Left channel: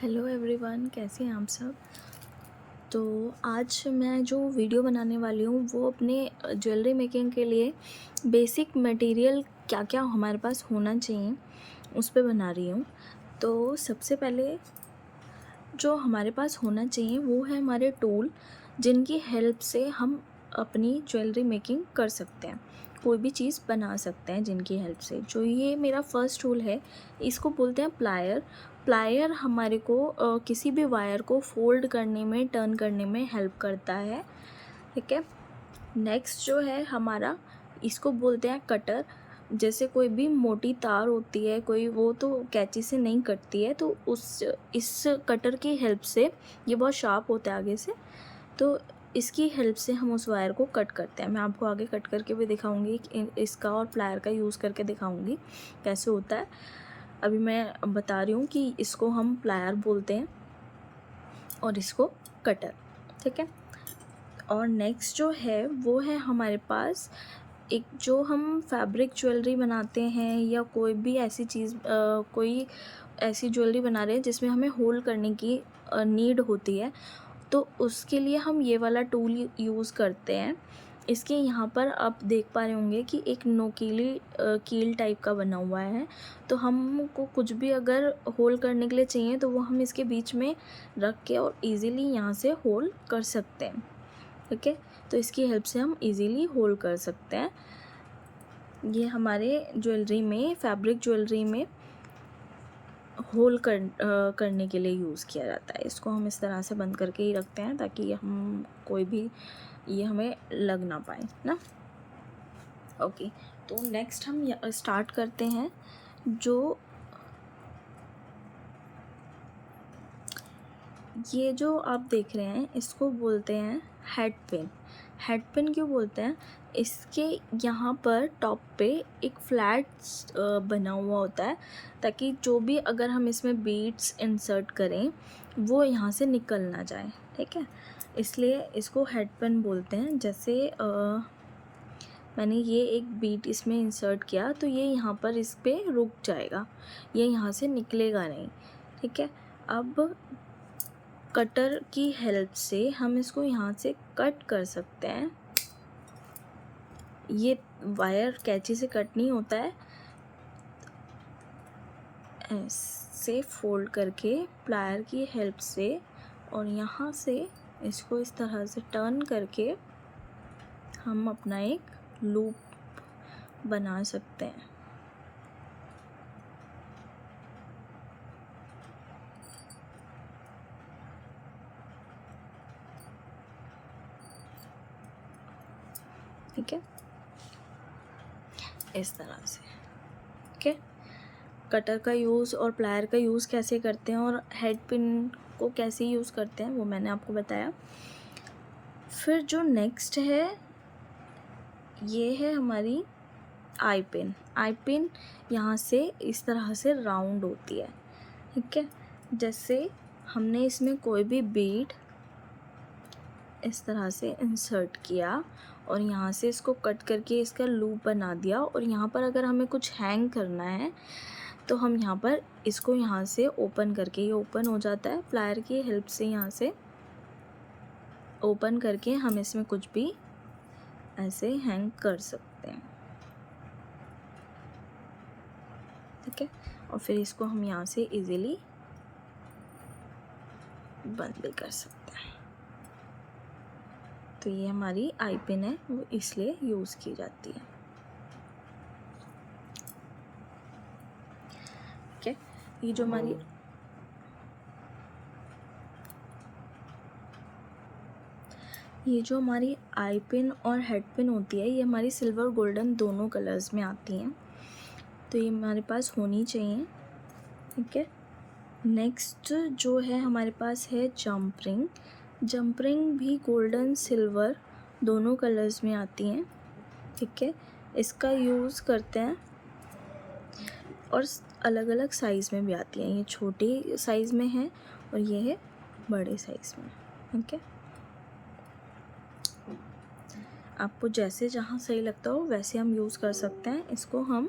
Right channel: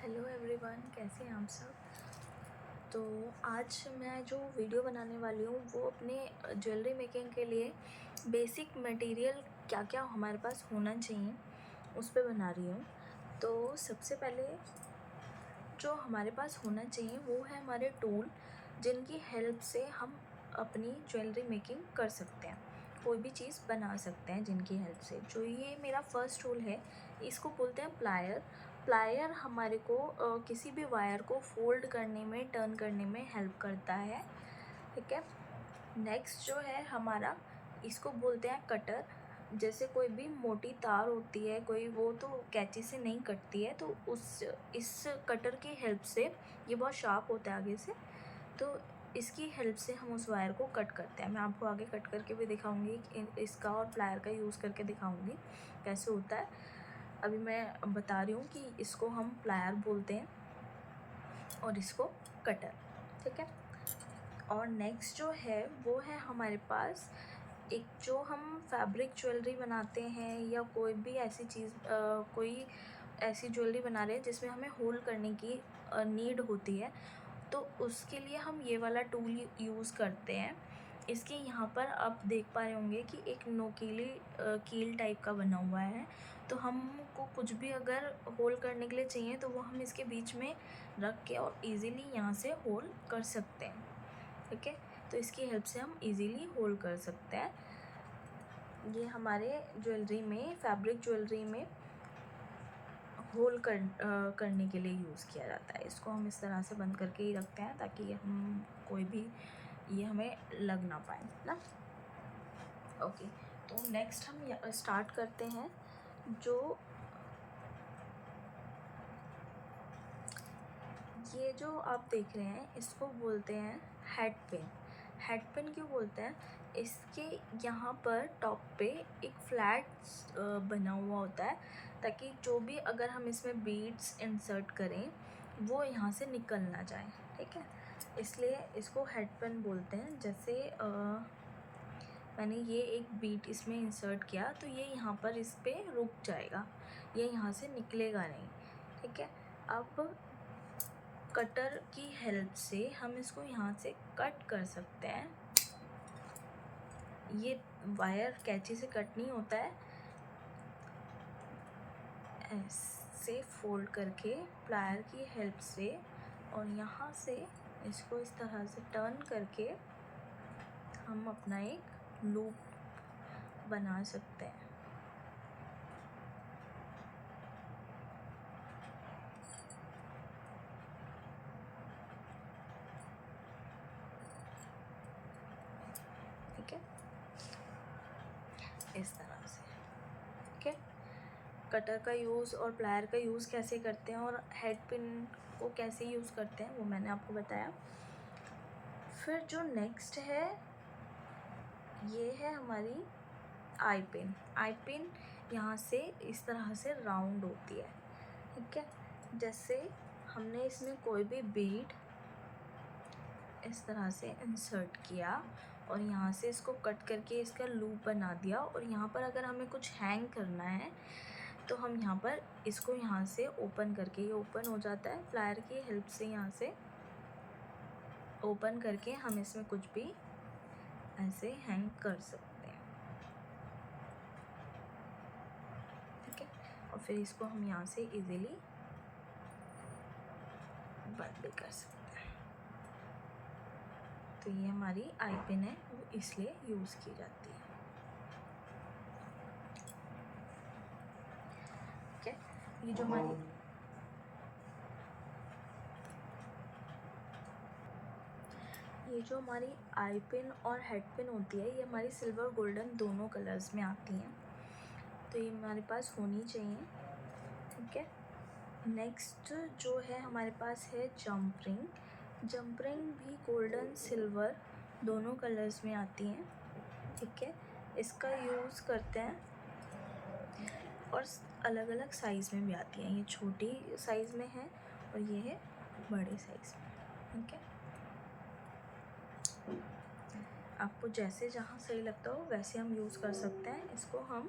Hello everyone, कैसे हैं आप सब। तो आज मैं जो वीडियो बनाने वाली हूँ वो अपने ज्वेलरी मेकिंग के लिए बेसिक मटेरियल क्या क्या हमारे पास होना चाहिए उस पे बना रही हूँ। तो सबसे पहले जो हमारे पास होना चाहिए वो है हमारे टूल, जिनकी हेल्प से हम अपनी ज्वेलरी मेकिंग कर सकते हैं, कोई भी चीज़ बना सकते हैं जिनकी हेल्प से। जो ये मेरा फर्स्ट टूल है, इसको बोलते हैं प्लायर। प्लायर हमारे को किसी भी वायर को फोल्ड करने में, टर्न करने में हेल्प करता है। ठीक है। नेक्स्ट जो है हमारा, इसको बोलते हैं कटर। जैसे कोई भी मोटी तार होती है कोई, वो तो कैंची से नहीं कटती है, तो इस कटर की हेल्प से, ये बहुत शार्प होता है आगे से, तो इसकी हेल्प से हम उस वायर को कट करते हैं। मैं आपको आगे कट करके भी दिखाऊंगी, इसका और प्लायर का यूज़ करके दिखाऊंगी कैसे होता है। अभी मैं बता रही हूँ कि इसको हम प्लायर बोलते हैं और इसको कटर। ठीक है। और नेक्स्ट जो है वो है हमारे पास एक, जो हम फैब्रिक ज्वेलरी बनाते हैं या कोई भी ऐसी चीज़, कोई ऐसी ज्वेलरी बना रहे हैं जिसमें हमें होल्ड करने की नीड होती है, तो उसके लिए हम ये वाला टूल यूज़ करते हैं। इसके यहाँ पर आप देख पा रहे होंगे कि एक नोकीली कील टाइप का बना हुआ है। तो हमको कुछ भी अगर होल्ड करने के लिए चाहिए तो वो हम इसके बीच में रख के और इजीली यहाँ से होल्ड कर सकते हैं। ठीक है। तो इसकी हेल्प से हम इजीली होल्ड कर सकते हैं। ये हमारे ज्वेलरी में, फैब्रिक ज्वेलरी में करने के लिए यूज़ किया जाता है। इसको हम इस तरह से बंद करके ही रखते हैं ताकि हम कोई भी ये हमें लग ना पाए ना। ओके। तो नेक्स्ट हम स्टार्ट करते हैं। ये जो आप देख रहे हैं इसको बोलते हैं हेड पिन। हेड पिन क्यों बोलते हैं? इसके यहाँ पर टॉप पे एक फ्लैट बना हुआ होता है, ताकि जो भी अगर हम इसमें बीड्स इंसर्ट करें वो यहाँ से निकल ना जाए। ठीक है। इसलिए इसको हेड पिन बोलते हैं। जैसे मैंने ये एक बीट इसमें इंसर्ट किया तो ये यहाँ पर इस पर रुक जाएगा, ये यहाँ से निकलेगा नहीं। ठीक है। अब कटर की हेल्प से हम इसको यहाँ से कट कर सकते हैं। ये वायर कैंची से कट नहीं होता है, ऐसे फोल्ड करके प्लायर की हेल्प से, और यहाँ से इसको इस तरह से टर्न करके हम अपना एक लूप बना सकते हैं। ठीक है, इस तरह से। ठीक है। कटर का यूज़ और प्लायर का यूज़ कैसे करते हैं और हेड पिन को कैसे यूज़ करते हैं वो मैंने आपको बताया। फिर जो नेक्स्ट है ये है हमारी आई पिन। आई पिन यहाँ से इस तरह से राउंड होती है। ठीक है। जैसे हमने इसमें कोई भी बीड इस तरह से इंसर्ट किया और यहाँ से इसको कट करके इसका लूप बना दिया, और यहाँ पर अगर हमें कुछ हैंग करना है तो हम यहाँ पर इसको यहाँ से ओपन करके, ये ओपन हो जाता है प्लायर की हेल्प से। यहाँ से ओपन करके हम इसमें कुछ भी ऐसे हैंग कर सकते हैं। ठीक है। और फिर इसको हम यहाँ से इजीली बंद भी कर सकते हैं। तो ये हमारी आई पिन है, वो इसलिए यूज़ की जाती है। ठीक है। ये जो हमारी आई पिन और हेड पिन होती है, ये हमारी सिल्वर गोल्डन दोनों कलर्स में आती हैं, तो ये हमारे पास होनी चाहिए। ठीक है। नेक्स्ट जो है हमारे पास है जंप रिंग। जंप रिंग भी गोल्डन सिल्वर दोनों कलर्स में आती हैं। ठीक है। इसका यूज़ करते हैं और अलग अलग साइज़ में भी आती हैं। ये छोटे साइज़ में है और ये है बड़े साइज़ में। ठीक है। आपको जैसे जहाँ सही लगता हो वैसे हम यूज़ कर सकते हैं। इसको हम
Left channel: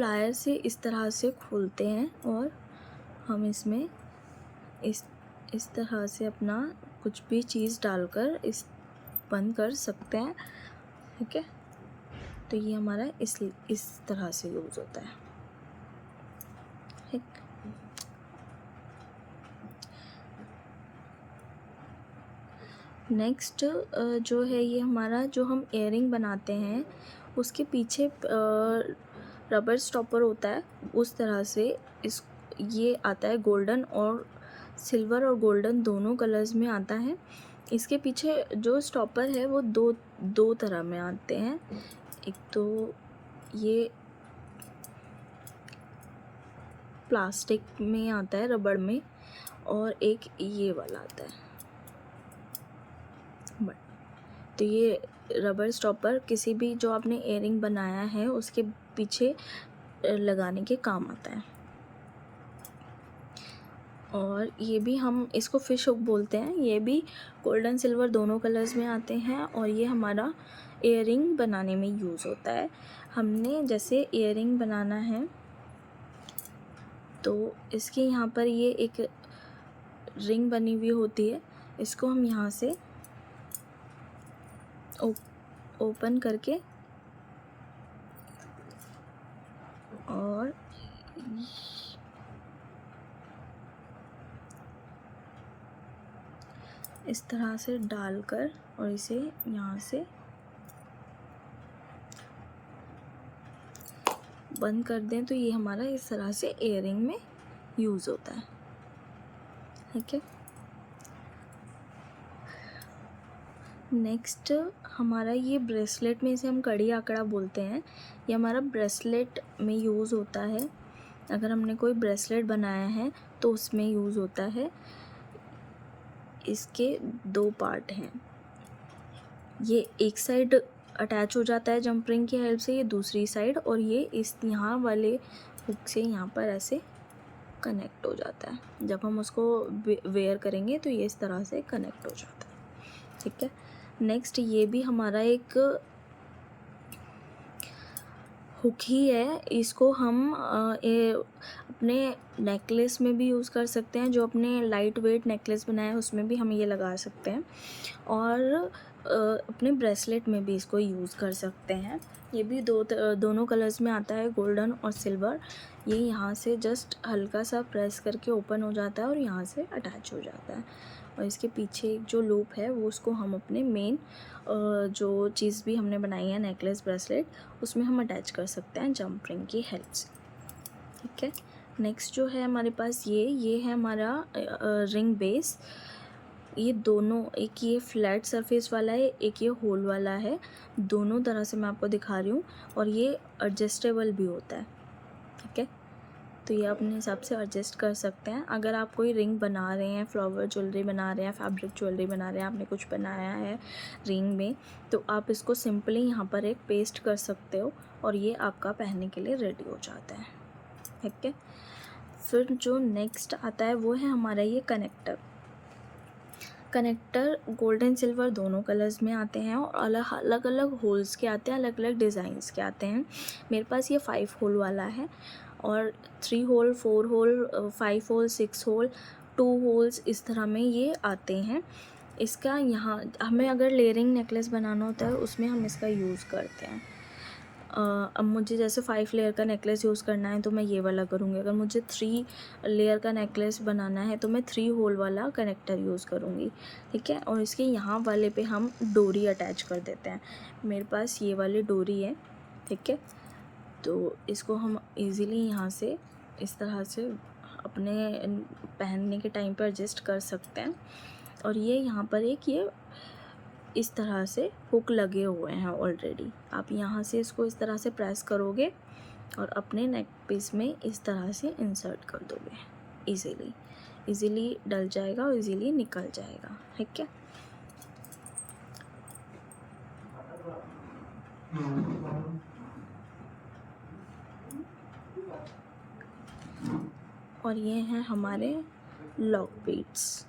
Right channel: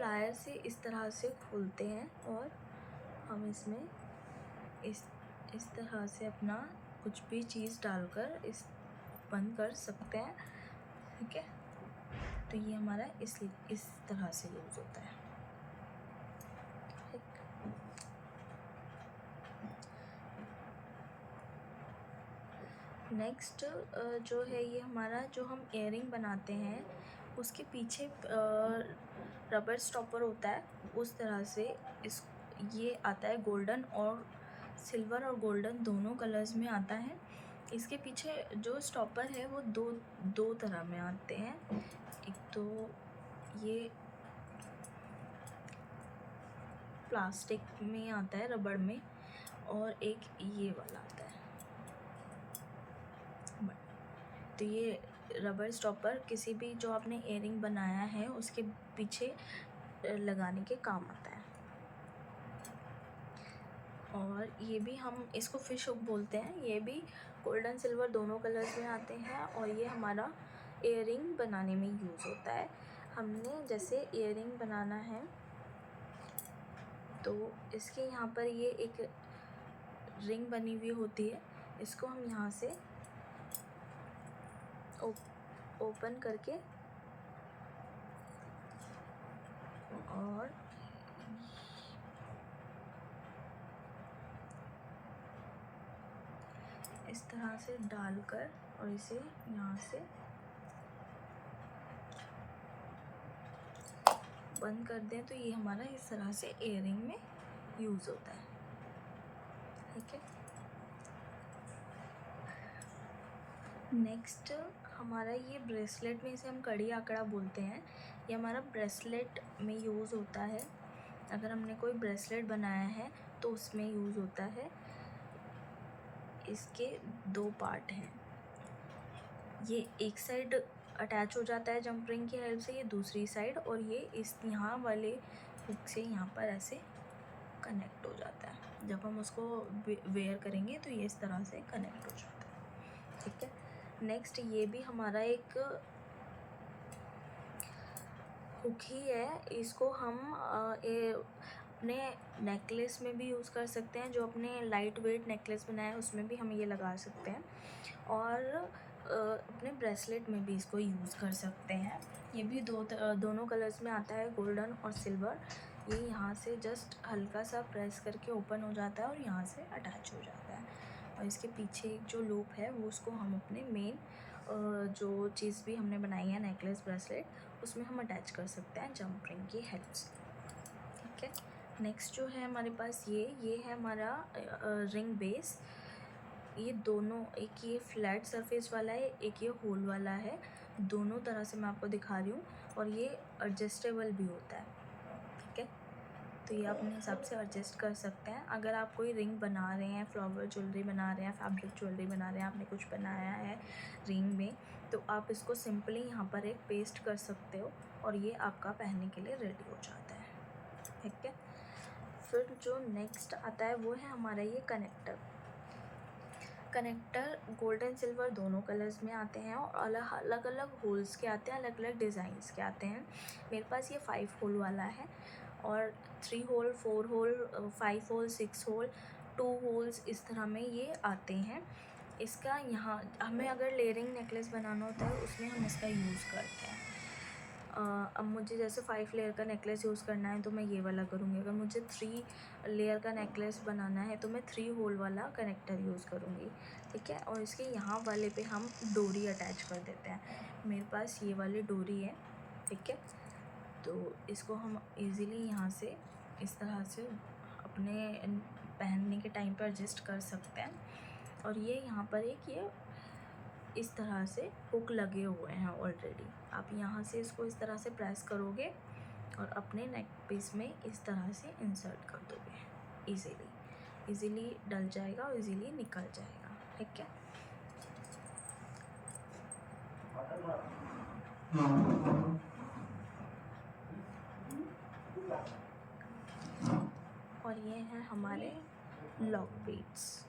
प्लायर से इस तरह से खोलते हैं और हम इसमें इस तरह से अपना कुछ भी चीज़ डालकर इस बंद कर सकते हैं। ठीक है, तो ये हमारा इस तरह से यूज़ होता है। ठीक, नेक्स्ट जो है ये हमारा जो हम इयरिंग बनाते हैं उसके पीछे रबर स्टॉपर होता है। उस तरह से ये आता है गोल्डन और सिल्वर और गोल्डन दोनों कलर्स में आता है। इसके पीछे जो स्टॉपर है वो दो तरह में आते हैं। एक तो ये प्लास्टिक में आता है, रबड़ में, और एक ये वाला आता है। तो ये रबर स्टॉपर किसी भी जो आपने इयरिंग बनाया है उसके पीछे लगाने के काम आता है। और ये भी हम इसको फिश हुक बोलते हैं। ये भी गोल्डन सिल्वर दोनों कलर्स में आते हैं और ये हमारा इयरिंग बनाने में यूज़ होता है। हमने जैसे इयरिंग बनाना है तो इसके यहाँ पर ये एक रिंग बनी हुई होती है। इसको हम यहाँ से ओपन करके और इस तरह से डालकर और इसे यहाँ से बंद कर दें तो ये हमारा इस तरह से इयरिंग में यूज़ होता है। ठीक है, नेक्स्ट हमारा ये ब्रेसलेट में, इसे हम कड़ी आंकड़ा बोलते हैं। ये हमारा ब्रेसलेट में यूज़ होता है। अगर हमने कोई ब्रेसलेट बनाया है तो उसमें यूज़ होता है। इसके दो पार्ट हैं, ये एक साइड अटैच हो जाता है जंप रिंग की हेल्प से, ये दूसरी साइड, और ये इस यहाँ वाले हुक से यहाँ पर ऐसे कनेक्ट हो जाता है। जब हम उसको वेयर करेंगे तो ये इस तरह से कनेक्ट हो जाता है। ठीक है, नेक्स्ट ये भी हमारा एक हुक ही है। इसको हम अपने नेकलेस में भी यूज़ कर सकते हैं। जो अपने लाइट वेट नेकलेस बनाए हैं उसमें भी हम ये लगा सकते हैं और अपने ब्रेसलेट में भी इसको यूज़ कर सकते हैं। ये भी दोनों कलर्स में आता है, गोल्डन और सिल्वर। ये यहाँ से जस्ट हल्का सा प्रेस करके ओपन हो जाता है और यहाँ से अटैच हो जाता है। और इसके पीछे एक जो लूप है वो उसको हम अपने मेन जो चीज़ भी हमने बनाई है नेकलेस ब्रेसलेट उसमें हम अटैच कर सकते हैं जंप रिंग की हेल्प से। ठीक है, नेक्स्ट जो है हमारे पास ये है हमारा रिंग बेस। ये दोनों, एक ये फ्लैट सरफेस वाला है, एक ये होल वाला है। दोनों तरह से मैं आपको दिखा रही हूँ और ये एडजस्टेबल भी होता है। ठीक है, तो ये अपने हिसाब से एडजस्ट कर सकते हैं। अगर आप कोई रिंग बना रहे हैं, फ्लावर ज्वेलरी बना रहे हैं, फैब्रिक ज्वेलरी बना रहे हैं, आपने कुछ बनाया है रिंग में, तो आप इसको सिंपली यहाँ पर एक पेस्ट कर सकते हो और ये आपका पहनने के लिए रेडी हो जाता है। ठीक है, फिर जो नेक्स्ट आता है वो है हमारा ये कनेक्टर। कनेक्टर गोल्डन सिल्वर दोनों कलर्स में आते हैं और अलग अलग होल्स के आते हैं, अलग अलग डिज़ाइंस के आते हैं। मेरे पास ये 5 होल वाला है और 3 hole, 4 hole, 5 hole, 6 hole, 2 holes, इस तरह में ये आते हैं। इसका यहाँ हमें अगर लेयरिंग नेकलेस बनाना होता है उसमें हम इसका यूज़ करते हैं। अब मुझे जैसे 5 लेयर का नेकलेस यूज़ करना है तो मैं ये वाला करूँगी। अगर मुझे 3 लेयर का नेकलेस बनाना है तो मैं 3 होल वाला कनेक्टर यूज़ करूँगी। ठीक है, और इसके यहाँ वाले पे हम डोरी अटैच कर देते हैं। मेरे पास ये वाली डोरी है। ठीक है, तो इसको हम इजीली यहाँ से इस तरह से अपने पहनने के टाइम पर एडजस्ट कर सकते हैं। और ये यहाँ पर एक ये इस तरह से हुक लगे हुए हैं ऑलरेडी। आप यहाँ से इसको इस तरह से प्रेस करोगे और अपने नेक पीस में इस तरह से इंसर्ट कर दोगे। इजीली डल जाएगा और इजीली निकल जाएगा। ठीक है, और ये हैं हमारे लॉक बीड्स।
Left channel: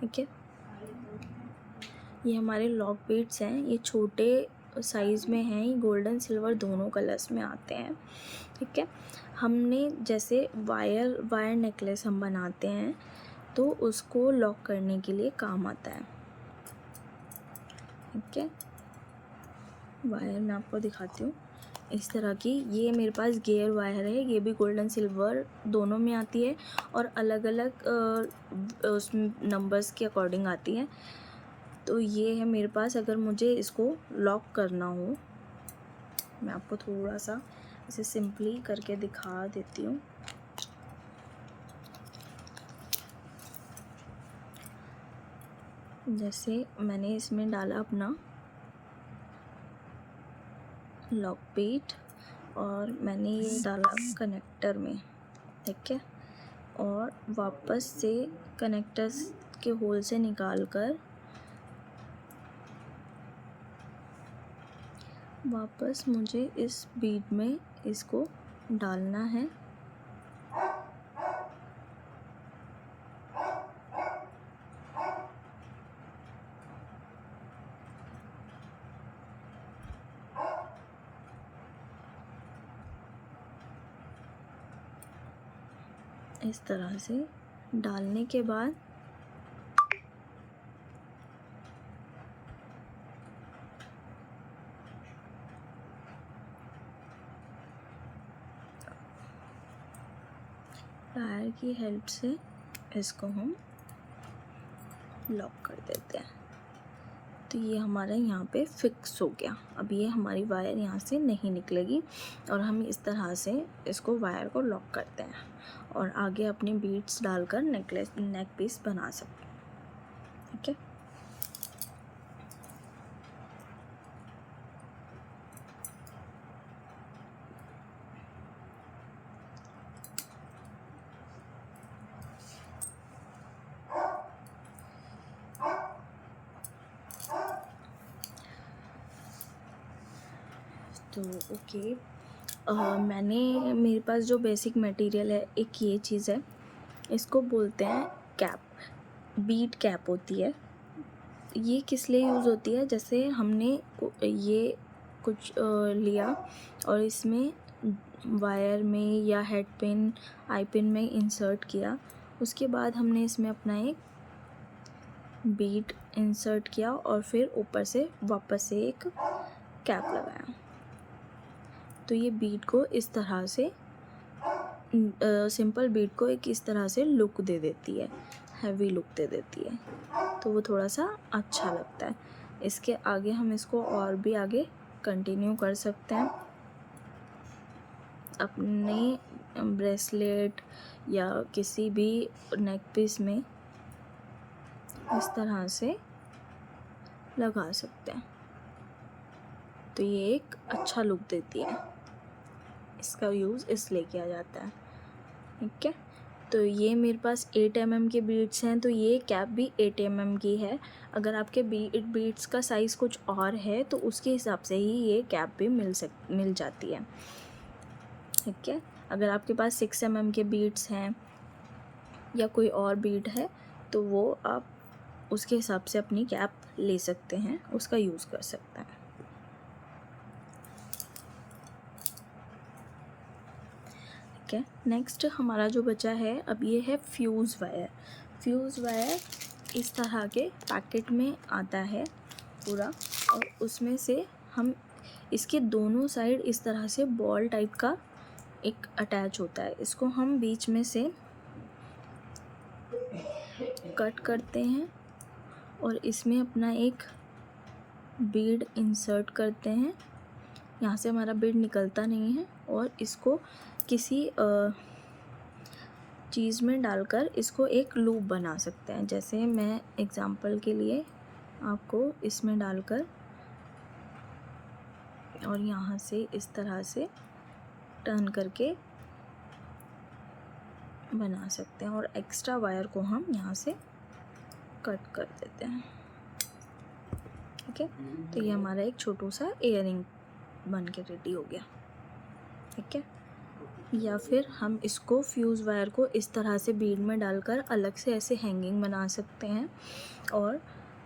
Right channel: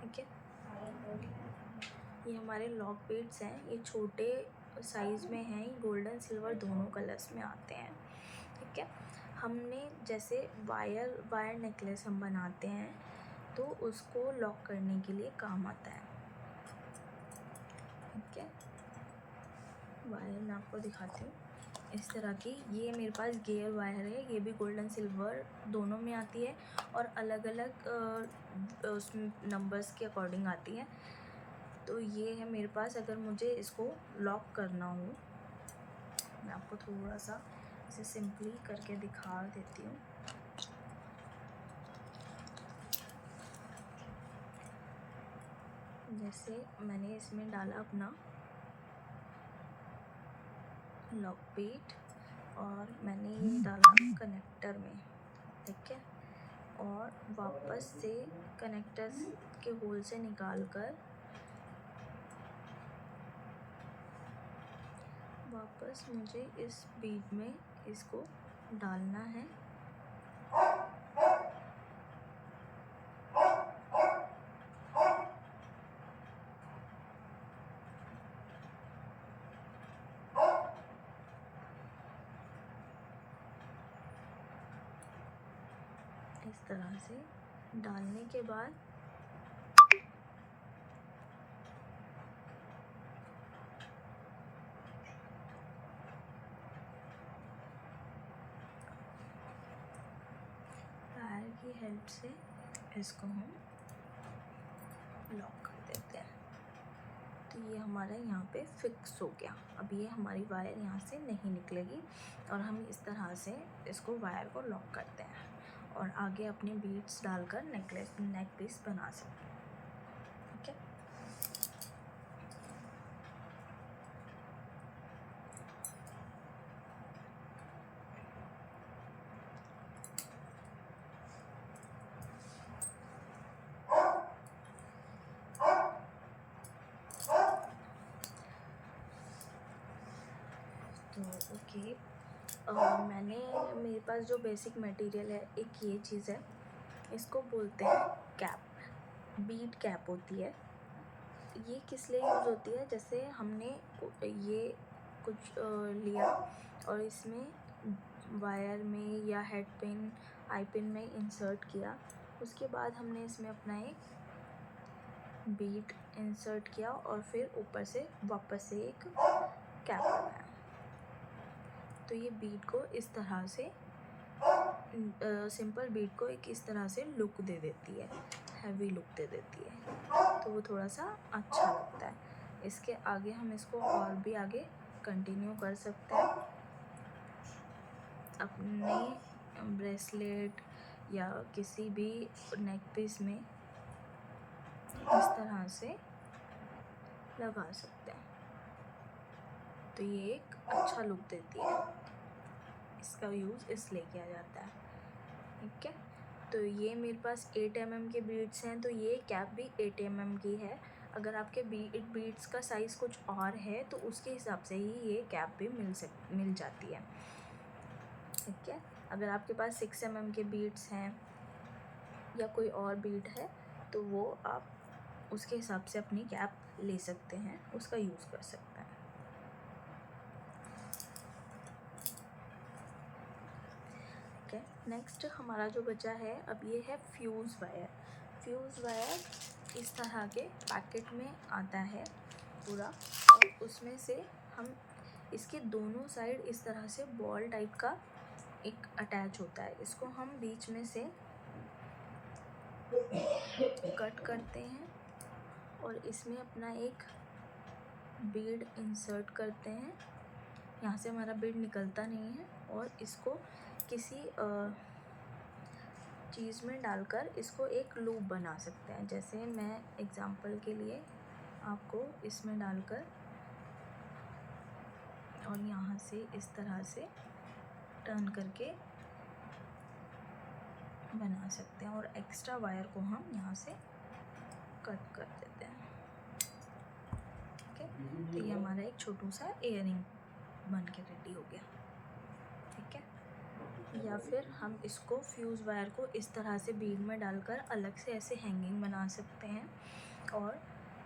ठीक है, ये हमारे लॉक बीड्स हैं। ये छोटे साइज़ में हैं, ये गोल्डन सिल्वर दोनों कलर्स में आते हैं। ठीक है, हमने जैसे वायर नेकलेस हम बनाते हैं तो उसको लॉक करने के लिए काम आता है। ठीक है, वायर मैं आपको दिखाती हूँ इस तरह की। ये मेरे पास गेयर वायर है, ये भी गोल्डन सिल्वर दोनों में आती है और अलग अलग उस नंबर्स के अकॉर्डिंग आती है। तो ये है मेरे पास। अगर मुझे इसको लॉक करना हो, मैं आपको थोड़ा सा इसे सिंपली करके दिखा देती हूँ। जैसे मैंने इसमें डाला अपना लॉक पीट और मैंने ये डाला कनेक्टर में। ठीक है, और वापस से कनेक्टर्स के होल से निकाल कर वापस मुझे इस बीड में इसको डालना है। इस तरह से डालने के बाद टायर की हेल्प से इसको हम लॉक कर देते हैं। तो ये हमारा यहाँ पे फिक्स हो गया। अब ये हमारी वायर यहाँ से नहीं निकलेगी और हम इस तरह से इसको वायर को लॉक करते हैं और आगे अपनी बीड्स डालकर नेक पीस बना सकते हैं। ठीक है, तो ओके, मेरे पास जो बेसिक मटेरियल है, एक ये चीज़ है, इसको बोलते हैं कैप। बीड कैप होती है। ये किस लिए यूज़ होती है? जैसे हमने ये कुछ लिया और इसमें वायर में या हेड पिन आई पिन में इंसर्ट किया, उसके बाद हमने इसमें अपना एक बीड इंसर्ट किया और फिर ऊपर से वापस से एक कैप लगाया। तो ये बीड को इस तरह से सिंपल बीड को एक इस तरह से लुक दे देती है, हैवी लुक दे देती है, तो वो थोड़ा सा अच्छा लगता है। इसके आगे हम इसको और भी आगे कंटिन्यू कर सकते हैं। अपने ब्रेसलेट या किसी भी नेक पीस में इस तरह से लगा सकते हैं, तो ये एक अच्छा लुक देती है। इसका यूज़ इसलिए किया जाता है। ठीक है, तो ये मेरे पास 8 mm के बीड्स हैं, तो ये कैप भी 8 mm की है। अगर आपके बीड्स का साइज़ कुछ और है तो उसके हिसाब से ही ये कैप भी मिल जाती है। ठीक है, अगर आपके पास 6 mm के बीड्स हैं या कोई और बीड है तो वो आप उसके हिसाब से अपनी कैप ले सकते हैं, उसका यूज़ कर सकते हैं। ठीक है, नेक्स्ट हमारा जो बचा है अब ये है फ्यूज़ वायर। फ्यूज़ वायर इस तरह के पैकेट में आता है पूरा, और उसमें से हम इसके दोनों साइड इस तरह से बॉल टाइप का एक अटैच होता है। इसको हम बीच में से कट करते हैं और इसमें अपना एक बीड इंसर्ट करते हैं। यहाँ से हमारा बीड निकलता नहीं है और इसको किसी चीज़ में डालकर इसको एक लूप बना सकते हैं। जैसे मैं एग्ज़ाम्पल के लिए आपको इसमें डालकर और यहाँ से इस तरह से टर्न करके बना सकते हैं और एक्स्ट्रा वायर को हम यहाँ से कट कर देते हैं। ठीक है, तो ये हमारा एक छोटू सा इयररिंग बन के रेडी हो गया। ठीक है, या फिर हम इसको फ्यूज़ वायर को इस तरह से बीड में डालकर अलग से ऐसे हैंगिंग बना सकते हैं और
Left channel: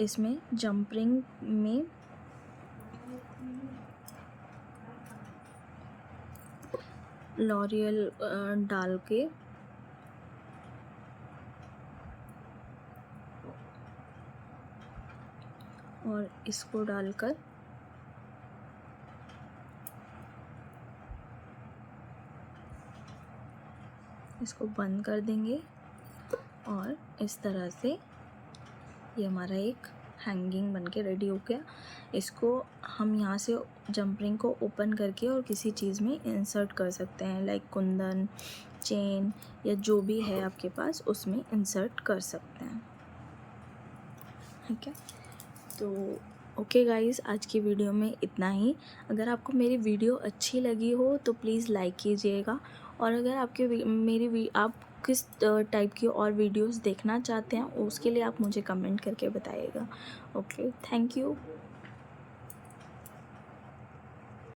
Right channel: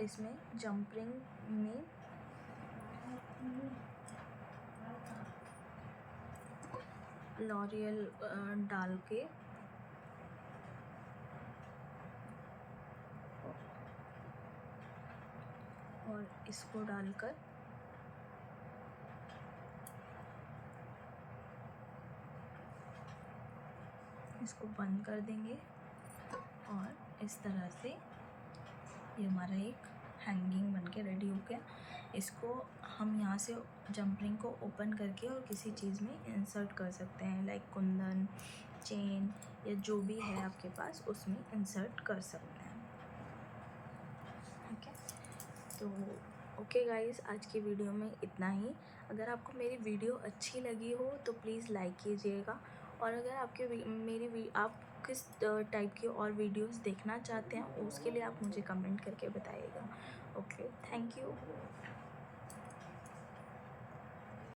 इसमें जंप रिंग में लॉरियल डाल के और इसको डालकर इसको बंद कर देंगे और इस तरह से ये हमारा एक हैंगिंग बनके रेडी हो गया। इसको हम यहाँ से जंप रिंग को ओपन करके और किसी चीज़ में इंसर्ट कर सकते हैं, लाइक कुंदन, चेन या जो भी है आपके पास उसमें इंसर्ट कर सकते हैं। ठीक है, तो ओके गाइज़, आज की वीडियो में इतना ही। अगर आपको मेरी वीडियो अच्छी लगी हो तो प्लीज़ लाइक कीजिएगा, और अगर आप किस टाइप की और वीडियोस देखना चाहते हैं उसके लिए आप मुझे कमेंट करके बताइएगा। Okay, thank you.